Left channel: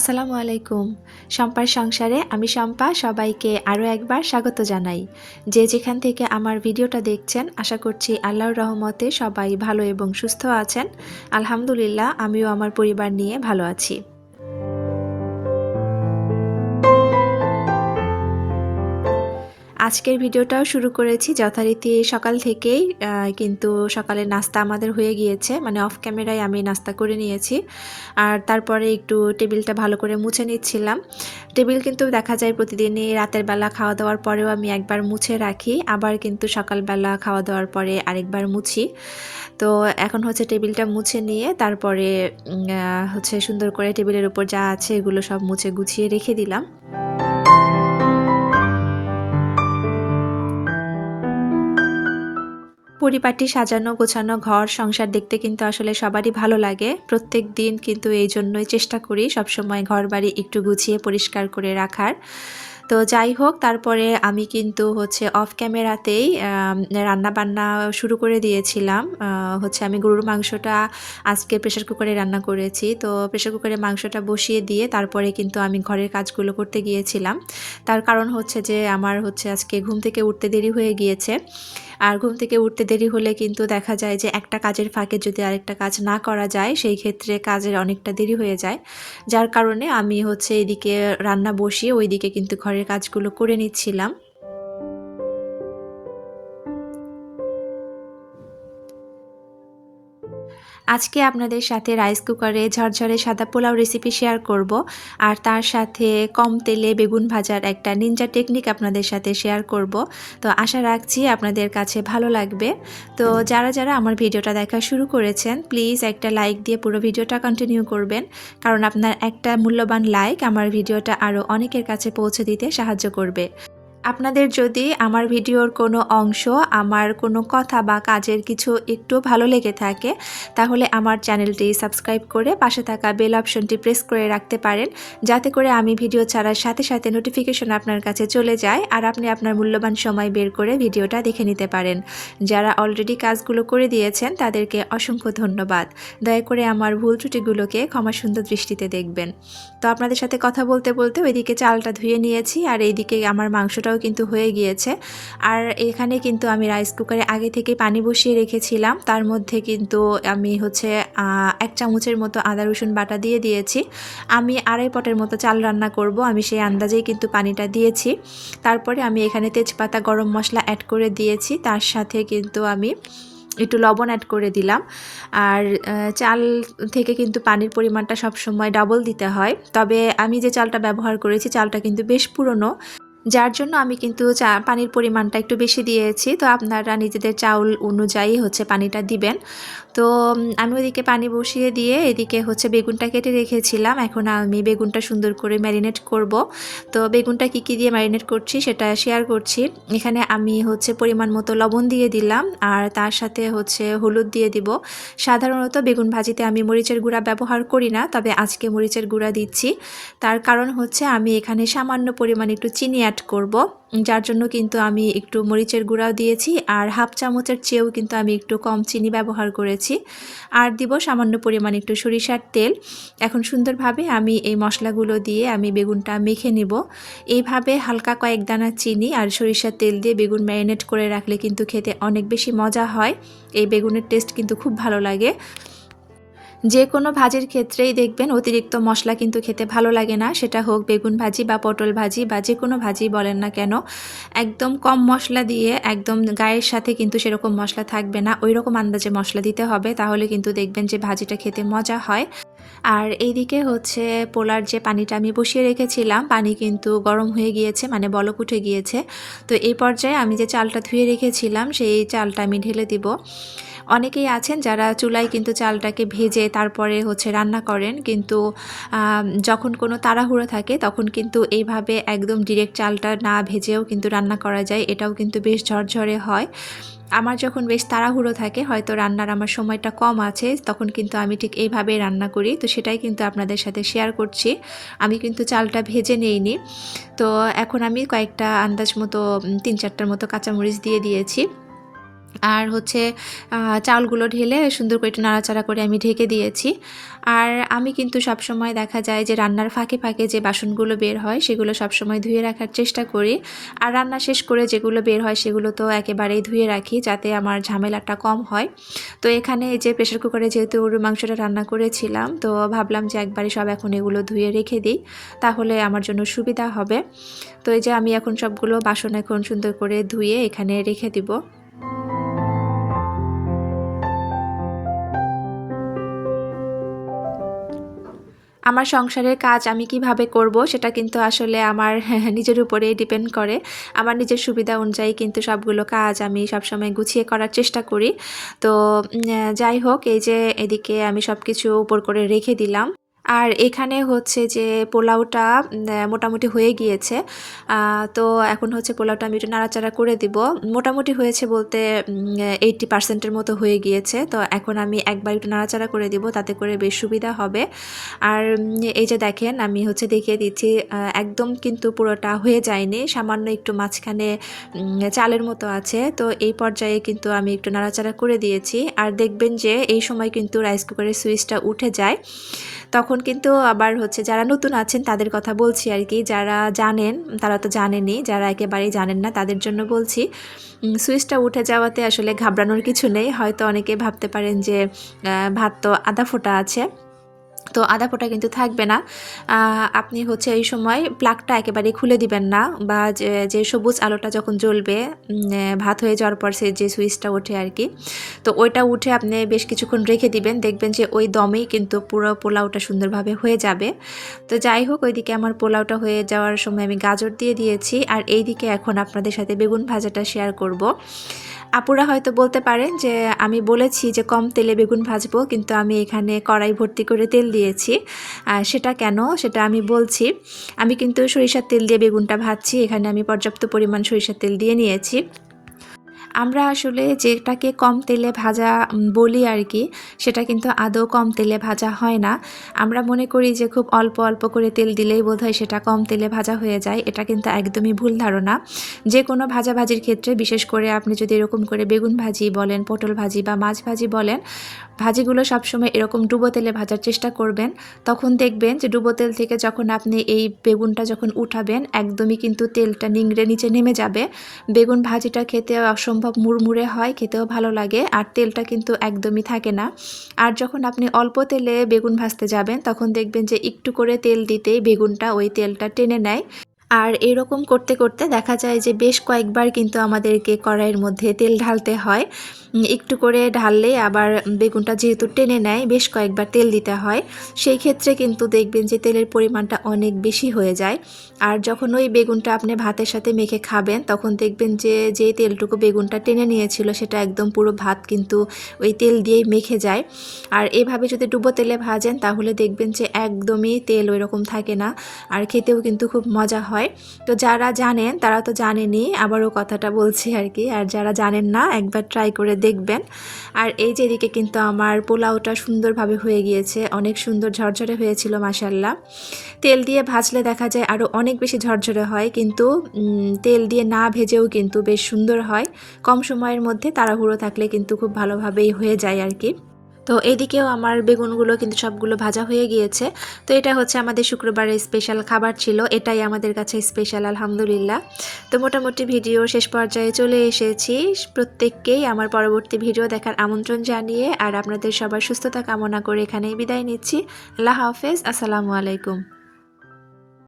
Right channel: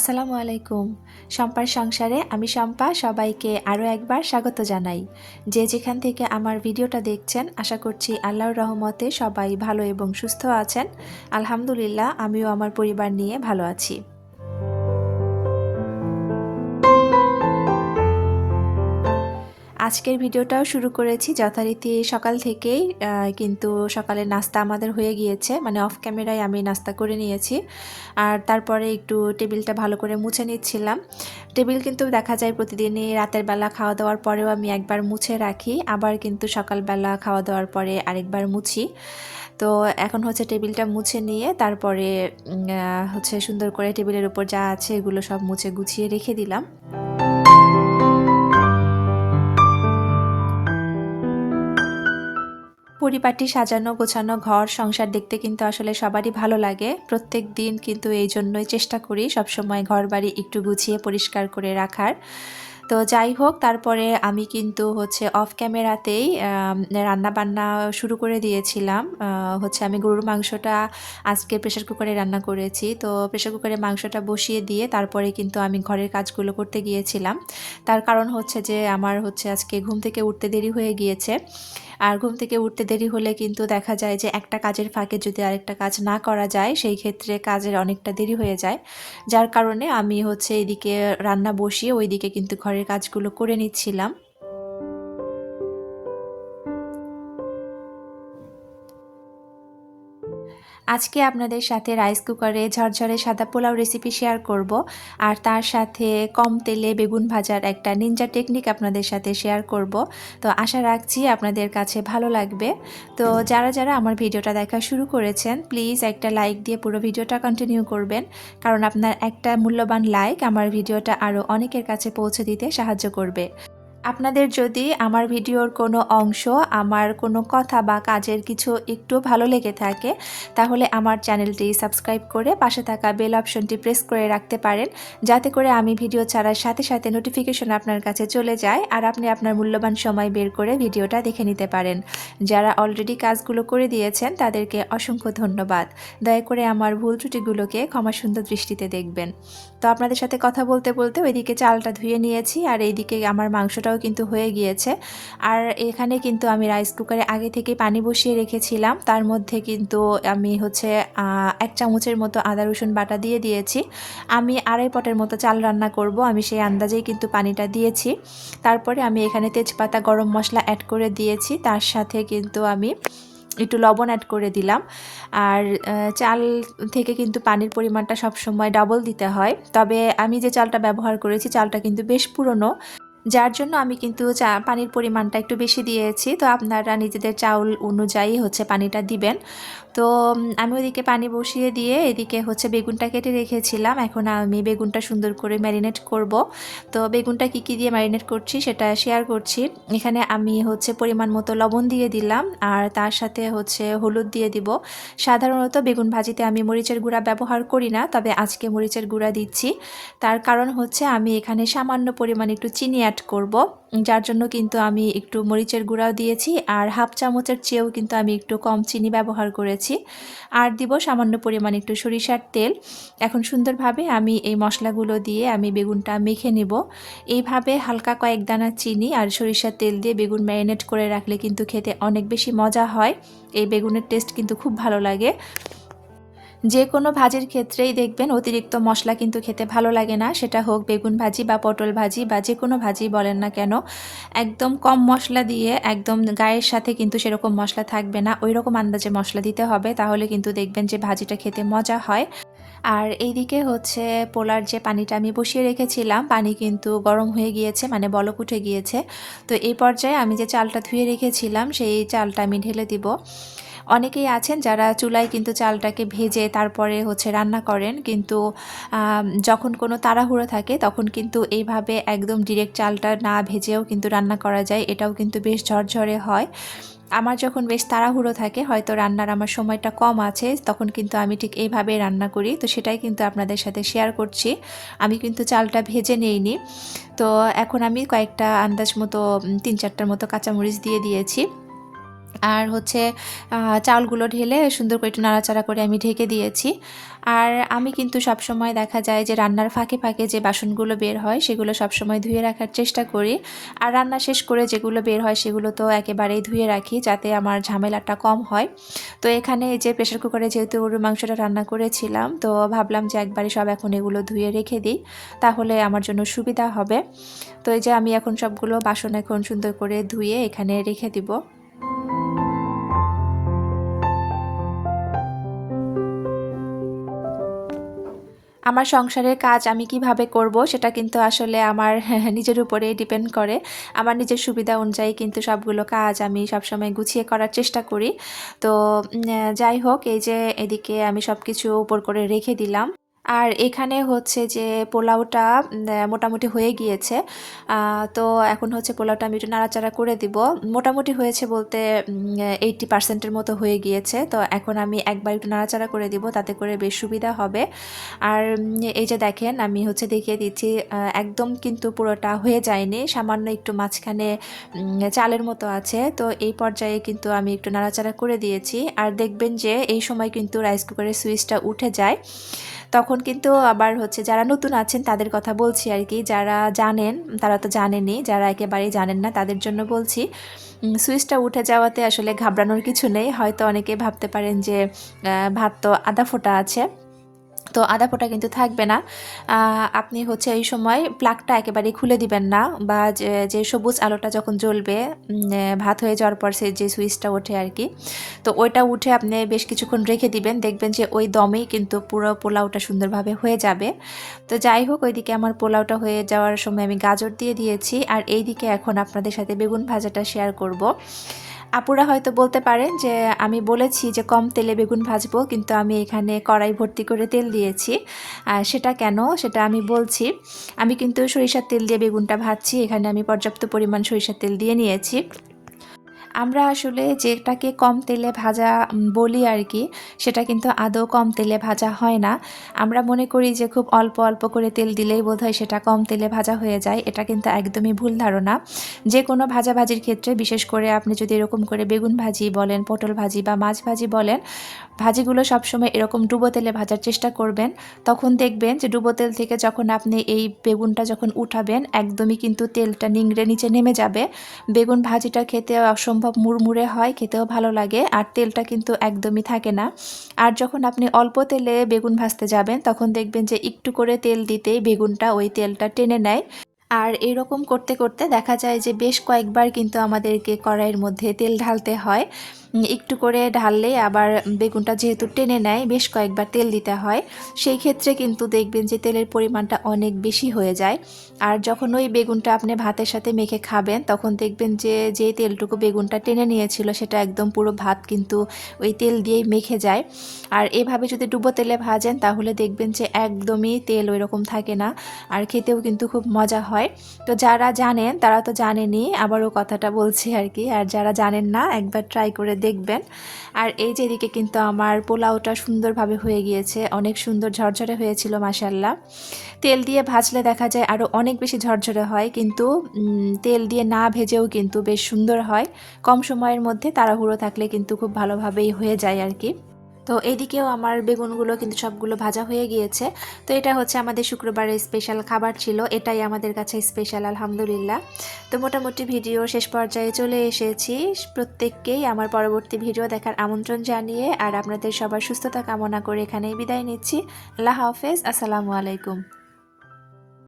আসসালামু আলাইকুম। শম্পার সংসারে আমি শম্পা সবাইকে আরও একবার স্বাগত জানাই। যে যেখান থেকে আমার ভিডিওটা দেখছেন আশা করছি আল্লাহর রহমতে সবাই ভালো এবং সুস্থ আছেন। আলহামদুলিল্লাহ আমিও আমার পরিবার নিয়ে ভালো আছি। আজকের ভিডিওটাও শুরু করেছি যথারীতি সকাল থেকেই, কিন্তু সকালের নাস্তা আমাদের হয়ে গিয়েছে, মানে অফ ক্যামেরায় আমি নাস্তা করে নিয়েছি। আর তারপরে একটু টেবিলটা ভালো করে মুছে নিচ্ছিলাম। টেবিল কিন্তু দেখা যায় প্রতিদিনই রাতের বেলা খাওয়া দাওয়ার পরেও আমি একবার মুছে রাখি, আবার কিন্তু সকালবেলা খাওয়া দাওয়ার পরে আরেকবার মুছি। তো এখন হচ্ছে টেবিলটা মুছে নিয়ে তারপরে হচ্ছে সুন্দর করে টেবিলের উপর যা আছে এগুলো সব মুছে গুছিয়ে রেখে দিলাম। পরিপাটি সাজানো গোছানো ঘর সংসার দেখতে কিন্তু আসলে সবারই ভালো লাগে। প্রত্যেক দিন কিন্তু এই জন্যই চেষ্টা করি সবসময় ঘর বাড়ি একটু গুছিয়ে পরিষ্কার করে রাখার। তো যাই হোক, তারপরে আমি কিন্তু হচ্ছে অফ ক্যামেরাতেই রান্না বান্না শুরু করে দিয়েছিলাম। হচ্ছে আমি গরুর মাংসটা আজকে প্রেশার কুকারে রান্না করেছি। তো প্রেশার কুকারে মাংসটা বসিয়ে দিয়ে তারপরে কিন্তু আমি ঘরের কাজগুলো করতে গিয়েছিলাম। তার কারণ হচ্ছে যে আমার হচ্ছে আজকে ঘুম থেকে উঠতে দেরি হয়ে গিয়েছে। আর ঘুম থেকে উঠতে দেরি হলে কিন্তু দেখা যায় যে একটা কাজের ফাঁকে যদি আরেকটা কাজ না করা যায় সেই ক্ষেত্রে কাজের অনেকটা দেরি হয়ে যায়। যার কারণে আমি হচ্ছে এদিকে রান্না বসিয়ে ওইদিকে কিন্তু ঘরের কাজগুলো করে নিচ্ছিলাম। আজকে আপনাদের সাথে রাইস কুকারে ঝরঝরে সাদা পোলাও রেসিপি শেয়ার করব, আর তার সাথে কম তেলে বেগুন ভাজার একটা নিনজা টেকনিক আপনাদের সাথে শেয়ার করব। তো আশা রাখছি আপনাদের কাছে ভালো লাগবে। তো যারা যারা আমার ভিডিওটা দেখা শুরু করেছেন প্লিজ একটা লাইক দিয়ে পুরো ভিডিওটা কন্টিনিউ করবেন, কারণ আপনার একটা মূল্যবান লাইক আমার ভিডিওটা আরও অনেকের কাছে পৌঁছে দিতে সাহায্য করবে। আপনাদের যদি আমার ভিডিওর কোনো অংশ, আমার কোনো কথা বা কাজের কিছু একটু ভালো লেগে থাকে তাহলে আমার চ্যানেলটি সাবস্ক্রাইব করে পাশে থাকা বেল অপশনটি প্রেস করে রাখতে পারেন, যাতে করে আমি ভিডিও ছাড়ার সাথে সাথে নোটিফিকেশন আপনার কাছে চলে যায় আর আপনি আপনার মূল্যবান সময় বের করে ভিডিওটা দেখে নিতে পারেন। যারা অলরেডি কাজগুলো করে দিয়েছেন তাদেরকে অসংখ্য ধন্যবাদ। দয়া করে আমার ভুল ত্রুটিগুলোকে ক্ষমা সুন্দর দৃষ্টিতে দেখবেন। তো আপনাদের সাথে কথা বলতে বলতে ওইদিকে চালটা ধুয়ে নিয়েছি আর এইদিকে আমার মাংসটাও কিন্তু হয়ে গিয়েছে। আর এখানে কিন্তু আমি রাইস কুকারে আগে থেকে পানি বসিয়ে রেখেছিলাম, তার মধ্যে কিন্তু আমি হচ্ছে 1 চামচের মতো আদা রসুন বাটা দিয়ে দিয়েছি। আমি 2.5 পটের মতো চাল রান্না করব, আমি সেই আন্দাজেই কিন্তু পানিটা দিয়েছি। তারপরে আমি এখানে তেজপাতা গরম মশলা অ্যাড করে দিয়েছি, তার সাথে কিন্তু আমি একটু লবণ অ্যাড করে দিলাম। আর চাল থেকে কিন্তু পানির পরিমাণটা সবসময় ডাবল দিতে হয়, তবে আমি যে চালটা ব্যবহার করেছি চালটা কিন্তু বেশ পুরনো, যার জন্য আমি কিন্তু পানির পরিমাণটা একটু বেশি দিয়েছি। তো আপনারা নিজেদের চাউল অনুযায়ী হচ্ছে পানিটা দিবেন। তো আমি ওইদিকে পানি বসিয়ে দিয়ে এদিকে হচ্ছে বেগুনটা কেটে রেখেছিলাম। এখন আমি বেগুনটা সুন্দর করে ম্যারিনেট করব। তো বেগুনটা কী দিয়ে ম্যারিনেট করছি সেটা শেয়ার করছি। এখানে আমি হচ্ছে পরিমাণ মতো লবণ দিয়ে দিলাম আর তার সাথে হচ্ছে হলুদ দিয়ে দিব। সাধারণত বেগুন ভাজিতে আমি মরিচের গুঁড়া ব্যবহার করি না, তবে আজকে মরিচের গুঁড়া দিচ্ছি। তার কারণ হচ্ছে আমি এখানে সামান্য পরিমাণ একটু চিনি অ্যাড করব, যার জন্য কিন্তু আমি একটু মরিচের গুঁড়াও দিয়েছি আর 1/2 চামচের চেয়েও কিন্তু আমি একটু কম চিনি ব্যবহার করেছি। আর দিব সামান্য পরিমাণ একটু সরিষার তেল। এখন সুন্দরভাবে আমি এই মশলাগুলো দিয়ে আমি বেগুনটা মেখে নেব। এইভাবে হালকা কয়েক দানা চিনি আর সরিষার তেল দিয়ে বেগুন ম্যারিনেট করে রাখলে কিন্তু খেতে অনেক বেশি মজা হয়। এই বেগুনের টেস্ট কিন্তু খুব ভালো লাগে। যে কোনো ভাজির ক্ষেত্রেই দেখবেন অতিরিক্ত মশলা কিন্তু খেতে ভালো লাগে না, সেটা হোক বেগুন ভাজি বা পটল ভাজি বা যে কোনো ভাজি বলেন না কেন। একদম কম মশলা দিয়ে একদম গায়ের সাথে কিন্তু সেরকম মশলা থাকবে না, ওই রকম আন্দাজে মশলা দিতে হবে, তাহলে কিন্তু দেখবেন যে ভাজিটা খেতে মজা হয়। আর এইদিকে হচ্ছে পোলার যে পানিটা আমি বসিয়ে রেখেছিলাম, পানি কিন্তু গরম হয়ে গিয়েছে, মানে বলক উঠে গিয়েছে। তো এই পর্যায়ে আমি যে চালটা ধুয়ে রেখেছিলাম সেই চালটা আমি ঢেলে দিব। অনেকেই আছেন যারা চুলায় কিন্তু চালটাকে ভেজে তারপরে হচ্ছে রান্না করেন, কিন্তু যখন কোনো তাড়াহুড়ো থাকে তখন কিন্তু এইভাবে একদম ডিরেক্ট চালটা না ভেজেও কিন্তু রান্না করা যায়, এটাও কিন্তু বেশ ঝরঝরে হয়। আমার যখন বেশ তাড়াহুড়ো থাকে, হয়তো রান্নার আমার সময়টা কম আছে, তখন কিন্তু আমি ঠিক এইভাবে রান্না করি। তো সেটাই কিন্তু আপনাদের সাথে শেয়ার করছি। আমি কিন্তু চালটা ভেজে নেইনি। তো এখন আমি কয়েকটা আন্দাজ মতো 3-4টার মতো কাঁচামরিচ দিয়ে দিয়েছি। আর হচ্ছে চাউলগুলো ঢেলে সুন্দর করে একটু নাড়াচাড়া করে আমি ঢেকে দিয়েছি। আর আমি কিন্তু সবসময় দেখা যায় যে রান্নার ফাঁকে ফাঁকে যে বাসনগুলো বের হয় সেগুলো সবসময় ধুয়ে রাখার চেষ্টা করি। আর রান্না শেষ করে যেগুলো বের হয় সেগুলো তো একেবারেই ধুয়ে রাখি যাতে আমার ঝামেলাটা কম হয়। তো এখানে এই যে প্রেশার কুকারে যেহেতু গরুর মাংসটা রান্না করেছিলাম, তো ভাবলাম যে একবারে সব এখন এগুলো ধুয়ে রেখে দিই, তাহলে আমার জন্য সুবিধা হবে। তো এই যে আমি এখন সবগুলো বাসন এখন সুন্দর করে ধুয়ে এখানে রেখে দিব। আমার সংসারের কাজ আমি কিভাবে করব সেটা কিন্তু আসলে আমার নিজের উপরেই ডিপেন্ড করে। আমার নিজের সুবিধা অনুযায়ী কিন্তু সবগুলো কাজ আমি সবসময় গুছিয়ে করার চেষ্টা করি। তো যাই হোক, এই যে এদিকে আমি সব কিছু উপর করে রেখে দিলাম। আর এখানে হচ্ছে যে পোলাওটা মোটামুটি হয়ে গিয়েছে। তো এখন হচ্ছে পোলাওটা আমি একটু নাড়াচাড়া করে দিব। মোটামুটি হয়েছে বলতে 80% এর মতো হয়ে গিয়েছে। তো এখন আমি একবার একটু নাড়াচাড়া করে দিব, তাতে করে বেশ সুবিধা হবে। আর এই যে দেখেন আমি হচ্ছে দেখিয়ে দিচ্ছি, একদম কিন্তু পুরোটা হয়ে যায়নি, সামান্য একটু মাঝখানে চালের মতো আছে। তো এই পর্যায়ে কিন্তু আমি একটু নাড়াচাড়া করে দিয়েছি। আর দেখবেন যে এই সময় কিন্তু রাইস কুকারের সুইচটা উঠে যায়। তখন কিন্তু আবার হচ্ছে যারা নতুন আছেন তাদের কথা বলছি আর কি, যারা জানেন তারা তো জানেনই, যারা একেবারেই জানেন না তাদের জন্য বলছি। সুইচটা উঠে যাওয়াতে আসলে ঘাবড়ানোর কিছু নেই। হয়তো অনেকে ভাবতে পারেন যে ভাত তো আধা ফোটা আছে, তো আধা ফোঁটা কিন্তু থাকবে না। আপনি হচ্ছে এই সময় প্লাগটা একেবারেই খুলে দিবেন না, বা যে সবুজ আলোটা যখন জ্বলবে ভাত হয়ে যাওয়ার পর সে যে সুইচটা ওঠে আর কি, তো ওইটা উঠে আপনি বেশ কিছুক্ষণ রেখে দিবেন, দেখবেন যে ওই দমেই কিন্তু পুরো পোলাওটা সুন্দরভাবে হয়ে যাবে। তো যাই হোক, ওইদিকে আমার পোলাওটা হয়ে যাওয়ার সময় আমি গাজর দিয়ে দিয়েছি। আর এইদিকে এখন আপনাদের সাথে বেগুন ভাজাটা শেয়ার করব। আপুরা হয়তো বলতে পারেন যে আমি বলেছি যে কম তেলে বেগুন ভাজবো, কিন্তু আমি এখানে কড়াই ভর্তি করে তেল দিয়েছি। সেটা কেন সেটা আমি বলছি। আমি কিন্তু সরিষার তেল দিয়ে বেগুনটা ভাজছি, এখানে আমি পর্যাপ্ত পরিমাণ সরিষার তেল দিয়ে নিয়েছি। আমরা আসলে যেটাকে কম তেলে ভাজা বলি আর কি, সেটা কিন্তু আদৌ কম তেলে ভাজা হয় না। আমরা মনে করি যে খুব অল্প অল্প করে তেল দিলেই বোধহয় সেটা কম তেলে ভাজা হয়ে যায়। এটা কিন্তু একদমই ভুল ধারণা। যে কোনো ভাজাভাজির ক্ষেত্রে, বিশেষ করে আপনি যদি এরকম করে বেগুন ভাজি বলেন, পটল ভাজি বা মাছ ভাজি বলেন, ভাজিগুলো সবসময় এরকম ডুবো তেলে ভাজার চেষ্টা করবেন। তখন দেখবেন যে ডুবো তেল থেকে যখন আপনি এই বেগুনটা যখন উঠাবেন, একদমই কিন্তু তেলটা নিংড়ে নিচে নেমে যাবে। বেগুন ভাজিটা খেতে অসম্ভব মুড়মুড়ে হয়, খেতেও ভালো লাগে, আর তেলটা কিন্তু একদমই থাকে না। আর যখন আপনি অল্প তেলে বেগুন ভাজতে যাবেন, তখন দেখবেন যে একটু করে তেল দিতেই বেগুনটা ওই তেলটা টেনে নেয়। আর এরকম করতে করতে দেখা যায় যে বেশ কয়েকবার কিন্তু আমাদেরকে কড়াইয়ের মধ্যে তেল ঢালতে হয়। একটু করে ঢাললেই আবার বেগুনটা যেহেতু টেনে নেয়, বেশ কয়েকবার তেল দিতে হয়। সেই ক্ষেত্রে কিন্তু দেখবেন যে তেলের পরিমাণটা অনেক বেশি হয়ে যায়। আর যখন ওই বেগুনটা আপনি ভাতের সাথে মেখে খাবেন, তখন দেখবেন যে যে তেলটুকু বেগুনটা টেনে নিয়েছিল সেটা একদম পুরো ভাত কিন্তু ওই তেল দিয়েই মেখে যায়। আর এভাবে যদি ডুবো তেলে ভাজেন, তাহলে দেখবেন যে একদমই তেল ওই রকম থাকে না, আর খেতেও কিন্তু খুব মজা হয়। তো যারা জানেন তারা তো জানেনই, আবারও কথাটা বলছি আর কি। আর যারা জানেন না, একবার ট্রাই করে দেখবেন। আর এই যে এদিকে কিন্তু আমার পোলাওটা সুন্দরভাবে হয়ে গিয়েছে, অনেক সুন্দর ঝরঝরে হয়েছিল মাশাল্লাহ। তেল দিয়ে ভাজলে দেখা যায় আরও অনেক বেশি ঝরঝরে হয়, কিন্তু তেল দিয়ে না ভেজেও কিন্তু বেশ সুন্দর হয়। কম সময়ের মধ্যে তাড়াহুড়ো থাকলে কিন্তু খুব ভালোভাবেই হয়ে যায় আর কি। তো এদিকেও আমার বেগুনগুলো কিন্তু সবগুলো ভাজা হয়ে গিয়েছে। তো এটা হচ্ছে আমাদের শুক্রবারের স্পেশাল খাবার ছিল, এটাই আমাদের কাছে স্পেশাল আলহামদুলিল্লাহ। তো মোটামুটি ভিডিও শেষ পর্যায়ে চলে এসেছি। প্রত্যেককেই আমার পরবর্তী ভিডিও দেখার আমন্ত্রণ জানিয়ে আর আপনাদের সবার সুস্থতা কামনা করে এখানেই বিদায় নিচ্ছি। আল্লাহ হাফেজ, আসসালামু আলাইকুম।